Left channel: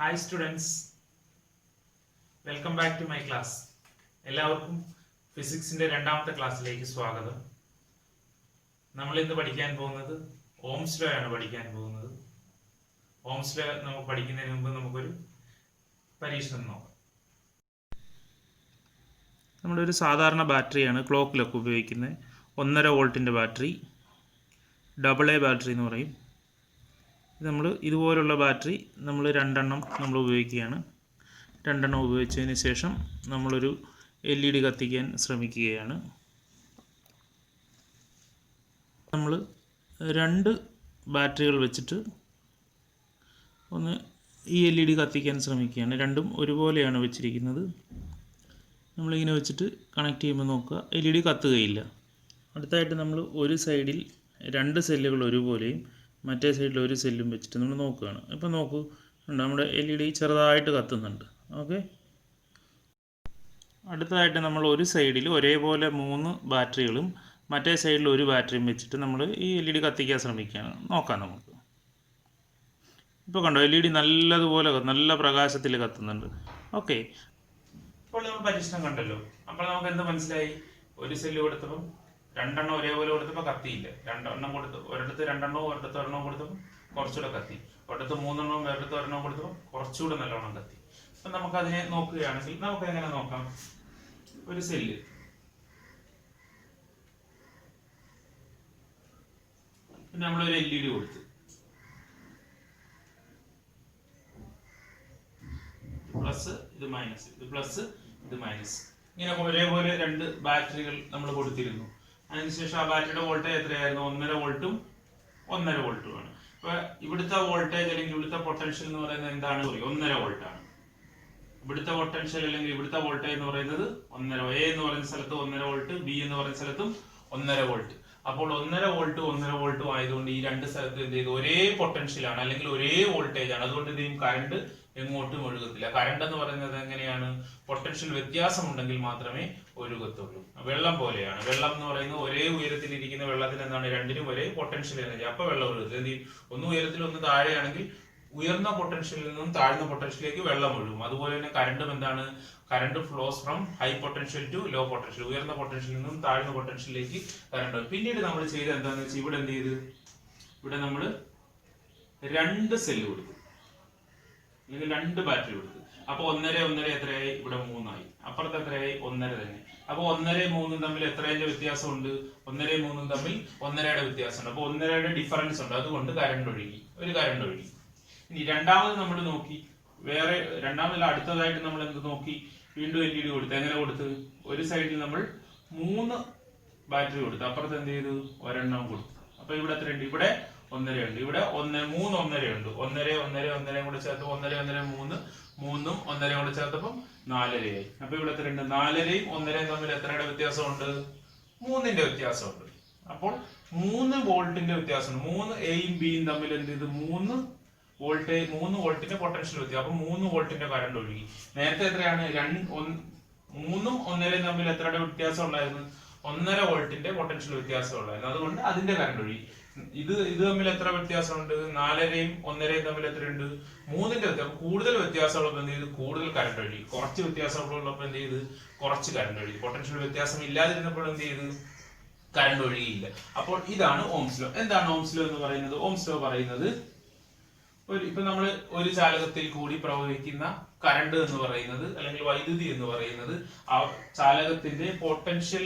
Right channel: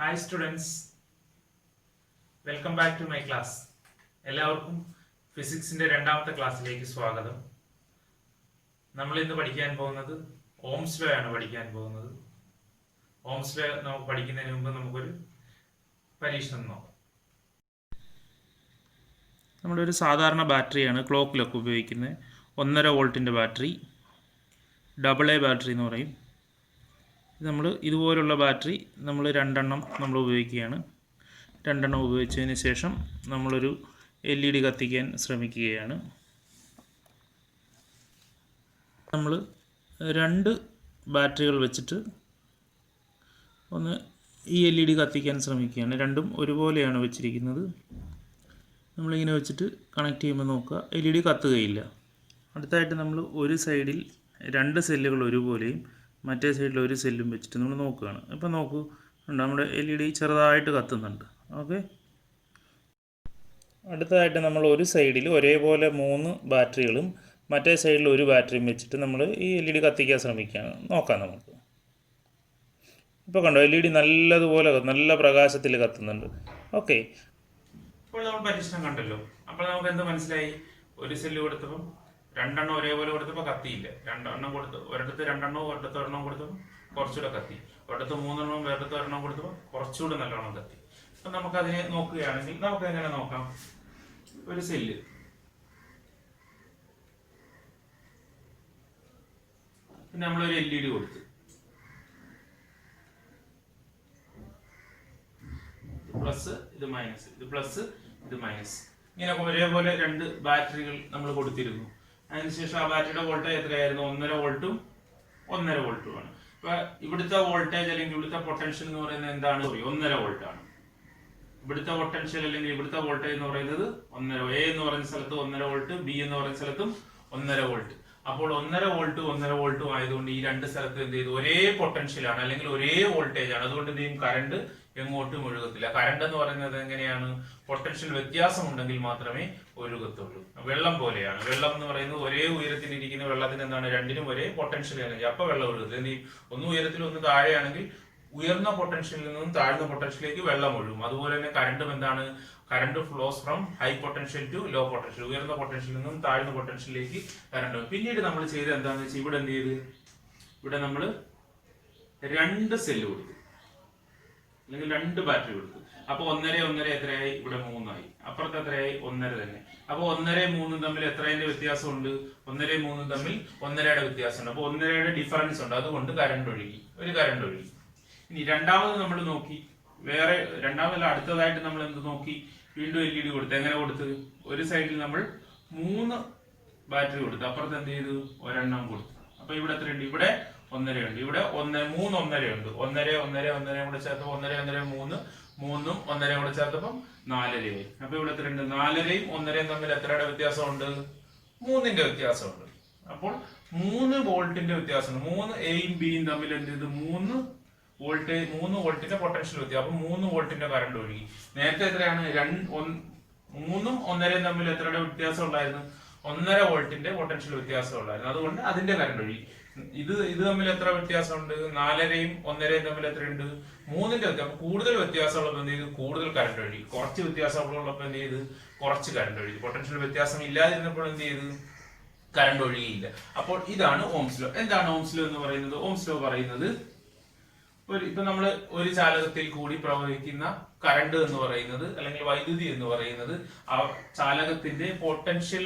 Hi students, welcome back to my class. എല്ലാവർക്കും ഫിസിക്സിന്റെ രണ്ടാമത്തെ ക്ലാസ്സിലേക്ക് സ്വാഗതം. നമ്മൾ ഇന്ന് പഠിക്കാൻ പോകുന്നത് ഓംസ് ലോ ആണ് പഠിക്കാൻ പോകുന്നത്. ഓംസ് ലോ നമുക്ക് പഠിക്കുന്നതിന് മുമ്പ് നമുക്കൊരു പരീക്ഷണം നോക്കാം. നമ്മുടെ ഒരു സാധാരണ ബാറ്ററിയാണ് ക്ലോക്കിലൊക്കെ ഉപയോഗിക്കുന്നത്. 1.5 വോൾട്ടിൻ്റെ ബാറ്ററി, AA ബാറ്ററി എന്ന് പറയും. നമ്മൾ ഇതുപോലുള്ള ബാറ്ററി നമ്മൾ രണ്ടെണ്ണം നമ്മൾ ഉപയോഗിക്കുകയാണ്. രണ്ടെണ്ണം ഉപയോഗിച്ചതിന് ശേഷം നമ്മളൊരു LED കത്തിക്കാൻ ശ്രമിക്കുകയാണ്. നമ്മൾ രണ്ട് ബാറ്ററികൾ വെച്ചിട്ട് ഒന്ന് ഈ LED കത്തിക്കാൻ ശ്രമിക്കുകയാണ്. രണ്ടും ഒരുപോലെയാണ് വെച്ചിരിക്കുന്നത്. നമ്മളിങ്ങനെ വെച്ചിട്ട് കണക്ട് ചെയ്യുമ്പോൾ നോക്കുക, LED കത്തുകയില്ല. അടുത്തായിട്ട് നമ്മൾ ഒരു സൈഡിൽ രണ്ട് സെല്ലുകൾ ഒരുപോലെയും മറ്റേ സൈഡിൽ ഒരു സെല്ലും വെച്ചിട്ട് നമ്മൾ നോക്കുകയാണ്. ഇപ്പോൾ നോക്കൂ, നമ്മുടെ LED ചെറുതായിട്ട് കത്തുന്നുണ്ട്. ഓക്കെ, അടുത്തതായിട്ട് നമ്മൾ ഒരു സൈഡിൽ ഒരേപോലെ 3 ബാറ്ററികളും മറ്റേ സൈഡിൽ ഒരു ബാറ്ററിയും വെച്ചിട്ട് നമ്മൾ ഈ LED കത്തിക്കാൻ ശ്രമിക്കുകയാണ്. നോക്കാം നമുക്ക്. ഇപ്പോൾ കണ്ടോ, LED നല്ലതുപോലെ നല്ല പ്രകാശത്തിൽ കത്തുന്നുണ്ട്. ഓക്കെ, ഇപ്പോൾ നമ്മൾ പരീക്ഷണം കണ്ടല്ലോ. അപ്പോൾ നമുക്ക് എന്ത് മനസ്സിലായി? ഒരു സെല്ല് കൊടുത്തപ്പം രണ്ടെണ്ണം ഒരേപോലെ കൊടുത്തപ്പോൾ കത്തിയില്ല. രണ്ടെണ്ണം കൊടുത്ത് ഒരിടത്ത് രണ്ടെണ്ണവും ഒരിടത്ത് ഒരെണ്ണവും കൊടുത്തപ്പോൾ കുറച്ചുകൂടെ കത്തി. ഒരിടത്ത് 3 എണ്ണവും വേറിടത്ത് ഒരെണ്ണം കൊടുത്തപ്പോൾ കുറച്ചുകൂടെ നല്ലോണം കത്തി. അപ്പം നമുക്കതിനെ നോക്കുകയാണെങ്കിൽ നമുക്ക് എങ്ങനെ നോക്കാം? ഒരു സെല്ല് പിന്നെ നമ്മളൊരു LED കൊടുത്ത്, പ്ലസ് ഇത് മൈനസ്, ഇത് പ്ലസ് ഇത് മൈനസ്, ഇങ്ങനെ ഒരേപോലെ രണ്ട് ബാറ്ററികൾ നമ്മൾ കൊടുത്തിരുന്നു. അതിനുശേഷം ആ ബാറ്ററിയുടെ വോൾട്ടേജ് എത്രയായിരുന്നു? 1.5 വോൾട്ടും 1.5 വോൾട്ടുമാണ്. ഇപ്പൊ ഇവിടുത്തെ വോൾട്ടേജ് അല്ലെങ്കിൽ ഇവിടുത്തെ പൊട്ടൻഷ്യൽ എന്ന് പറയുന്നത് എന്താണ്? 1.5 വോൾട്ടാണ്. ഇവിടുത്തെ പൊട്ടൻഷ്യൽ അല്ലെങ്കിൽ ഇവിടുത്തെ വോൾട്ടേജ് എന്ന് പറയുന്നത് 1.5. എ എന്ന് പറയുന്ന സ്ഥലത്ത് 1.5 വോൾട്ട്, ബി എന്ന് പറയുന്ന സ്ഥലത്തും 1.5 വോൾട്ട്. അപ്പോൾ 1.5 വോൾട്ട് 1.5 വോൾട്ടും ആയതുകൊണ്ട് ഈ രണ്ട് സ്ഥലത്ത് എന്ത് ചെയ്തു? ഒരേ പൊട്ടൻഷ്യലാണ് അല്ലെങ്കിൽ ഒരേ വോൾട്ടേജ് ആണ്. അതുകൊണ്ട് എന്ത് ചെയ്യും? കറണ്ട് എങ്ങോട്ടും ഒഴുകത്തില്ല. കറണ്ട് എന്ന് പറയുന്നത് എങ്ങനെയാണ്? പൊട്ടൻഷ്യൽ വ്യത്യാസം ഉണ്ടെങ്കിൽ മാത്രമേ ഒഴുകത്തുള്ളൂ. വെള്ളം പോലെയാണ്. വെള്ളം എന്ന് പറയുന്നത് ഒരേ ഉയരത്തിൽ ഇരിക്കുന്ന വെള്ളത്തിന് എന്താണ്? രണ്ടിനും ഒരേ പൊട്ടൻഷ്യൽ എനർജി. അപ്പൊ വെള്ളം ഒഴുകും. എന്ത് ചെയ്യും? ഒന്ന് ഉയരത്തിൽ ഒന്ന് താഴെയാണെങ്കിൽ ഉയർന്ന പൊട്ടൻഷ്യലിൽ നിന്നും താഴ്ന്ന പൊട്ടൻഷ്യലിലേക്ക് വെള്ളം ഒഴുകും. അതുപോലെ തന്നെ കറണ്ടും എന്താണ്? Current flows from high potential to low potential. ഉയർന്ന പൊട്ടൻഷ്യലിൽ നിന്നും താഴ്ന്ന പൊട്ടൻഷ്യലിലേക്ക് കറണ്ട്. പിന്നീട് നമ്മൾ ചെയ്ത് എന്താണെന്ന് വെച്ചാൽ ഇവിടെ എന്ത് ചെയ്ത്? ഇവിടെ നമ്മൾ രണ്ട് സെല്ല് കൊടുത്തു അല്ലെങ്കിൽ രണ്ട് ബാറ്ററി കൊടുത്തു. അപ്പൊ 1.5 എത്രയായി? ഇവിടെ 3 ആയി. അപ്പുറത്ത് എത്രയായി? 1.5 തന്നെ. അപ്പൊ 1.5 3 തമ്മിൽ എത്രയുടെ വ്യത്യാസമുണ്ട്? 1.5 3 തമ്മിൽ 1.5യുടെ വ്യത്യാസമുണ്ട്. അപ്പൊ 1.5യുടെ ഡിഫറൻസ് ഉണ്ട്. അതുകൊണ്ട് കറണ്ട് ഒഴുകി, ഒരു കറണ്ട് ഒഴുകി. ഇനി രണ്ടാമത് നമ്മൾ നോക്കി, വേറെ രണ്ടാമത് അടുത്തതായിട്ട് നമ്മൾ എന്ത് നോക്കി? വീണ്ടും LED കൊടുത്തു. എങ്ങനെ കൊടുത്ത്? ഒരു സൈഡിൽ നമ്മൾ 3 ബാറ്ററി കൊടുത്തു, അപ്പുറത്ത് എന്ത് ചെയ്തു? ഒരെണ്ണം കൊടുത്തു. അപ്പൊ ഇവിടെ എത്രയുണ്ട്? ഇവിടെ 1.5 ഉണ്ട്. ഇവിടെ 3 1.5 ഉണ്ട്. 1.5 കൂടെ ചേർത്തപ്പോൾ 1.5 3 3ഉം 1.5 കൂടെ ചേർത്തപ്പം 4.5 ആയി. അപ്പൊ ഇവിടെ എത്രയുണ്ട്? 4.5യും 1.5യും തമ്മിൽ എത്രയുടെ വ്യത്യാസമുണ്ട്? 3ന്റെ വ്യത്യാസമുണ്ട്. അപ്പോൾ 3 വോൾട്ടിന്റെ വ്യത്യാസമുണ്ട്. 3 എയും ബിയും തമ്മിൽ എന്ത് ചെയ്ത്? 3 വോൾട്ടിന്റെ പൊട്ടൻഷ്യൽ വ്യത്യാസം. അപ്പൊ 3 വോൾട്ടിന്റെ കറണ്ട് ഒഴുകി. നേരത്തെ എത്രയാണ്? 3ഉം 1.5യും തമ്മിൽ എത്രയുടെ വ്യത്യാസം ഉണ്ടായിരുന്നു? 1.5 വോൾട്ടിന്റെ പൊട്ടൻഷ്യൽ വ്യത്യാസം ഉണ്ടായിരുന്നു. അതുകൊണ്ട് അതിന്റെ കറണ്ട് ഒഴുകി. ഇത് തമ്മിൽ എത്ര വ്യത്യാസമുണ്ട്? 4.5യും 1.5യും തമ്മിൽ എത്രയുണ്ട്? 3ന്റെ വ്യത്യാസം. കൂടുതൽ വ്യത്യാസമുള്ളപ്പോൾ എന്ത് ചെയ്ത്? കൂടുതൽ കറണ്ട് ഒഴുകി. കുറച്ച് വ്യത്യാസമുള്ളപ്പോൾ എന്ത് ചെയ്ത്? കുറച്ച് കറണ്ട് ഒഴുകി. പൊട്ടൻഷ്യൽ വ്യത്യാസം ഇല്ലാതിരുന്നപ്പോൾ എന്ത് ചെയ്ത്? കറണ്ട് ഒഴുകിയില്ല. അപ്പോൾ ഇതാണ് ഓംസ് ലോ. എന്താണ് ഓംസ് ലോ എന്ന് പറയുന്നത്? ഓംസ് ലോ പറയുന്നത് ഇപ്പൊ നമ്മൾ ഒരു ചാലകത്തിൽ കൂടി പ്രവഹിക്കുന്ന കറണ്ട് എന്ന് പറയുന്നത് അല്ലെങ്കിൽ വൈദ്യുതി എന്ന് പറയുന്നത് ആ ചാലകത്തിന്റെ പൊട്ടൻഷ്യൽ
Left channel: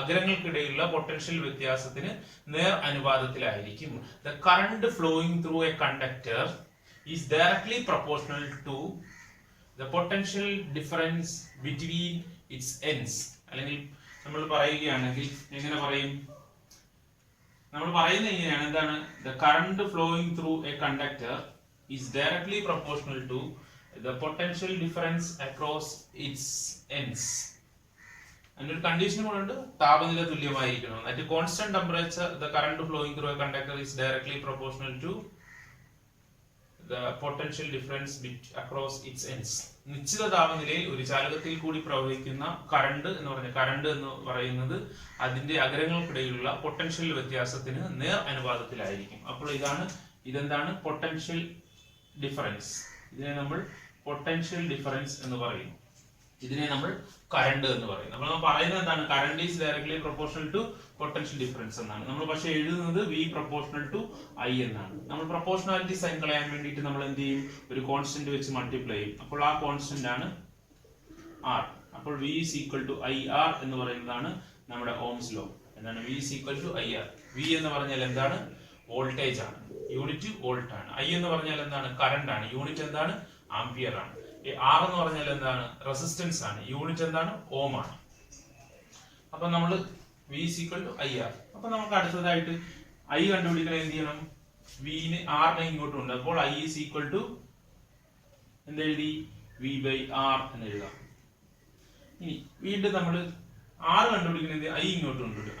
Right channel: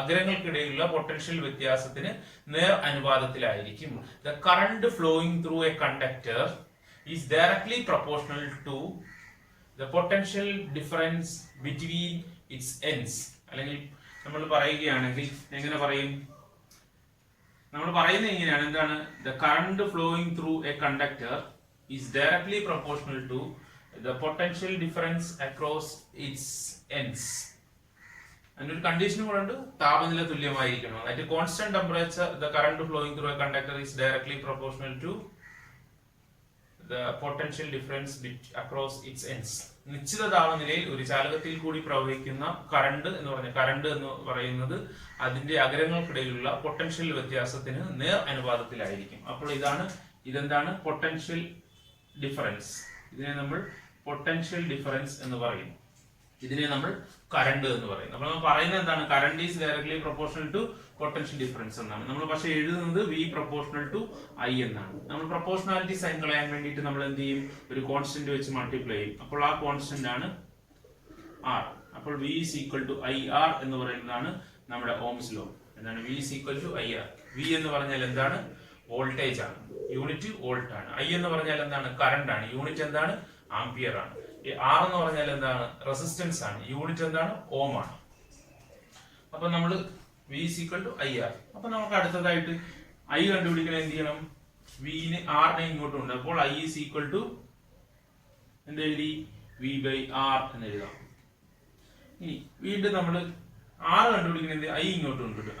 അഗ്രങ്ങൾക്കിടയിലുള്ള പൊട്ടൻഷ്യൽ വ്യത്യാസത്തിന് നേർ അനുപാതത്തിലായിരിക്കും. The current flowing through a conductor is directly proportional to the potential difference between its ends. അല്ലെങ്കിൽ നമ്മൾ പറയുകയാണെങ്കിൽ എങ്ങനെ പറയും? നമ്മൾ പറയുന്നത് ഇങ്ങനെയാണ്. എന്താണ്? The current flowing through a conductor is directly proportional to the potential difference across its ends. അതിനൊരു കണ്ടീഷൻ കൂടെ ഉണ്ട്, താപനില തുല്യമായിരിക്കണം. At constant temperature the current flowing through a conductor is directly proportional to the potential difference across its ends. നിശ്ചിത താപനിലയിൽ ഒരു ചാലകത്തിൽ കൂടി പ്രവഹിക്കുന്ന കറണ്ട് എന്ന് പറയുന്നത് അതിന്റെ അഗ്രങ്ങൾക്കിടയിലുള്ള പൊട്ടൻഷ്യൽ വ്യത്യാസത്തിന് നേർ അനുപാതത്തിലായിരിക്കും. അപ്പോൾ ഇതെന്താണ്? Potential difference. ഇതിനെ നമ്മൾ പൊട്ടൻഷ്യൽ ഡിഫറൻസ് എന്ന് പറയും. ഇതിനെ നമ്മൾ കറണ്ട് എന്ന് പറയും. അപ്പോൾ നമ്മൾ പറയുന്നത് എന്താണ്? Current is directly proportional to potential difference എന്നാണ്. നമ്മൾ പക്ഷെ എഴുതുന്നത് V പ്രൊപ്പോർഷണൽ ടു I എന്നാണ്. നമ്മൾ പ്രൊപ്പോർഷണാലിറ്റി സൈൻ കളയാൻ വേണ്ടിയിട്ട് നമ്മൾ എന്ത് ചെയ്യും? ഒരു കോൺസ്റ്റന്റ് വെച്ച് മൾട്ടിപ്ലൈ ചെയ്യും. അപ്പോൾ ആ കോൺസ്റ്റന്റ് ആണ് R. അപ്പോൾ V is equal to IR എന്ന് പറയുന്നതാണ് നമ്മുടെ ഓംസ് ലോ. എന്താണ് V is equal to IR? V എന്ന് പറഞ്ഞാൽ എന്താണ്? വോൾട്ടേജ് ആണ്, യൂണിറ്റ് വോൾട്ട് ആണ്. I എന്ന് പറഞ്ഞാൽ എന്താണ്? കറണ്ട് ആണ്, യൂണിറ്റ് എന്താണ്? ആംപിയർ ആണ്. R എന്ന് പറഞ്ഞാൽ എന്താണ്? റെസിസ്റ്റൻസ് ആണ്, യൂണിറ്റ് എന്താണ്? ഓം ആണ്. അപ്പൊ നമ്മൾ V is equal to IR. അപ്പൊ നമുക്ക് അടുത്തതായിട്ട് I കണ്ടുപിടിക്കണം. എന്ത് ചെയ്യണം? V നെ R നെ ഇങ്ങോട്ട് ഉണ്ട്. അപ്പോൾ I is equal to എന്തെഴുതി? V by R എന്ന് എഴുതാം. ഇനി വീണ്ടും നമ്മൾ R കണ്ടുപിടിക്കുന്നത് I ഇങ്ങോട്ട് ഉണ്ട്.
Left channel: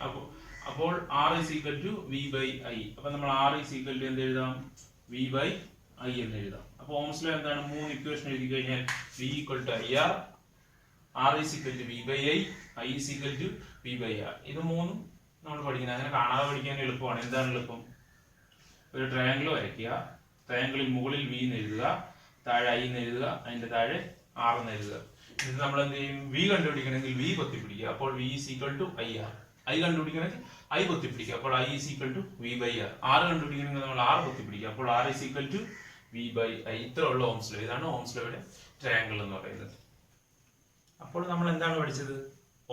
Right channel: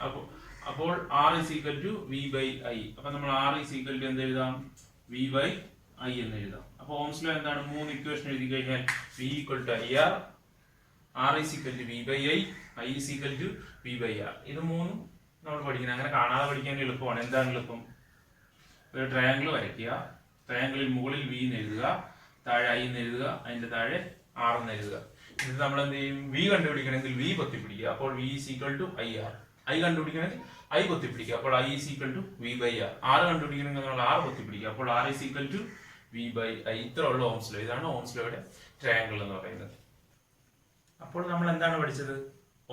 അപ്പോൾ R is equal to V by I. അപ്പൊ നമ്മൾ R is equal to എന്ത് എഴുതാം? V by I എന്ന് എഴുതാം. അപ്പൊ ഓംസ് ലോ എന്താണ്? 3 ഇക്വേഷൻ എഴുതി കഴിഞ്ഞാൽ V equal to IR, R is equal to V by I is equal to V by R. ഇത് മൂന്നും നമ്മൾ പഠിക്കുന്നത്. അങ്ങനെ കാണാതെ പഠിക്കാൻ എളുപ്പമാണ്. എന്താണ് എളുപ്പം? ഒരു ട്രയാങ്കിൾ വരയ്ക്കുക. ട്രയാങ്കിളിൽ മുകളിൽ V എന്ന് എഴുതുക, താഴെ I എന്ന് എഴുതുക, അതിന്റെ താഴെ R എന്ന് എഴുതുക. ഇത് നമ്മൾ എന്ത് ചെയ്യും? V കണ്ടുപിടിക്കണമെങ്കിൽ V പൊത്തിപ്പിടിക്കുക. അപ്പോൾ V is equal to IR. I കണ്ടുപിടിക്കണമെങ്കിൽ I പൊത്തിപ്പിടിക്കുക. അപ്പോൾ I is equal to V by R. R കണ്ടുപിടിക്കണമെങ്കിൽ നമ്മൾ R പൊത്തിപ്പിടിക്കുക. അപ്പോൾ R is equal to V by I. ഇത്ര ഉള്ള ഓംസ് ലോ. ഇതാണ് ഓംസ് ലോയുടെ ട്രയാങ്കിൾ എന്ന് പറയുന്നത്. അപ്പോൾ നമ്മൾ എന്താണ് പഠിച്ചത്?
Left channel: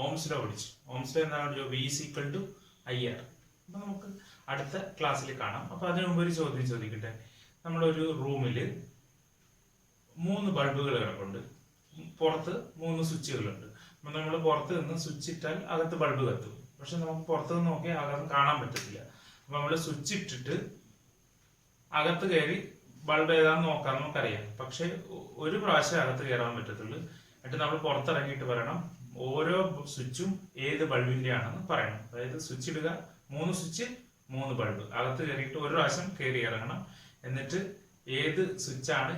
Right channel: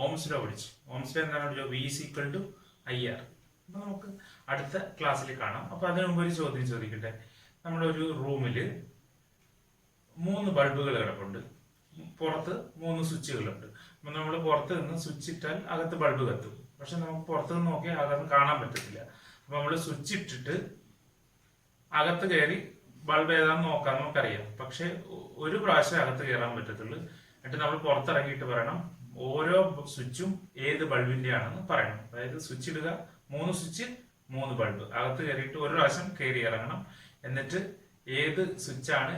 ഓംസ് ലോ പഠിച്ചു. ഓംസ് ലോ എന്താണ് പഠിച്ചത്? V is equal to IR. അപ്പൊ നമുക്ക് അടുത്ത ക്ലാസ്സിൽ കാണാം. അപ്പൊ അതിനു മുമ്പ് ഒരു ചോദ്യം ചോദിക്കട്ടെ. നമ്മളൊരു റൂമില് 3 ബൾബുകൾ കിടപ്പുണ്ട്. പുറത്ത് 3 സ്വിച്ചുകളുണ്ട്. അപ്പൊ നമ്മൾ പുറത്ത് നിന്ന് സ്വിച്ച് ഇട്ടാൽ അകത്ത് ബൾബ് കത്തും. പക്ഷെ നമുക്ക് പുറത്ത് നിന്ന് നോക്കിയാൽ അകത്ത് കാണാൻ പറ്റത്തില്ല. അപ്പൊ നമ്മൾ സ്വിച്ച് ഇട്ടിട്ട് അകത്ത് കയറി ബൾബ് ഏതാന്ന് നോക്കാൻ നമുക്കറിയാം. പക്ഷെ ഒരു പ്രാവശ്യം അകത്ത് കയറാൻ പറ്റത്തുള്ളൂ. എന്നിട്ട് നമ്മൾ പുറത്തിറങ്ങിയിട്ട് പറയണം ഓരോ സ്വിച്ചും ഏത് ബൾബിന്റെ ആണെന്ന് പറയണം. അതായത് സ്വിച്ച് ഇടുക, 3 സ്വിച്ച് 3 ബൾബ്, അകത്ത് കയറിയിട്ട് ഒരു പ്രാവശ്യം കയറി ഇറങ്ങണം. എന്നിട്ട് ഏത് സ്വിച്ചാണ്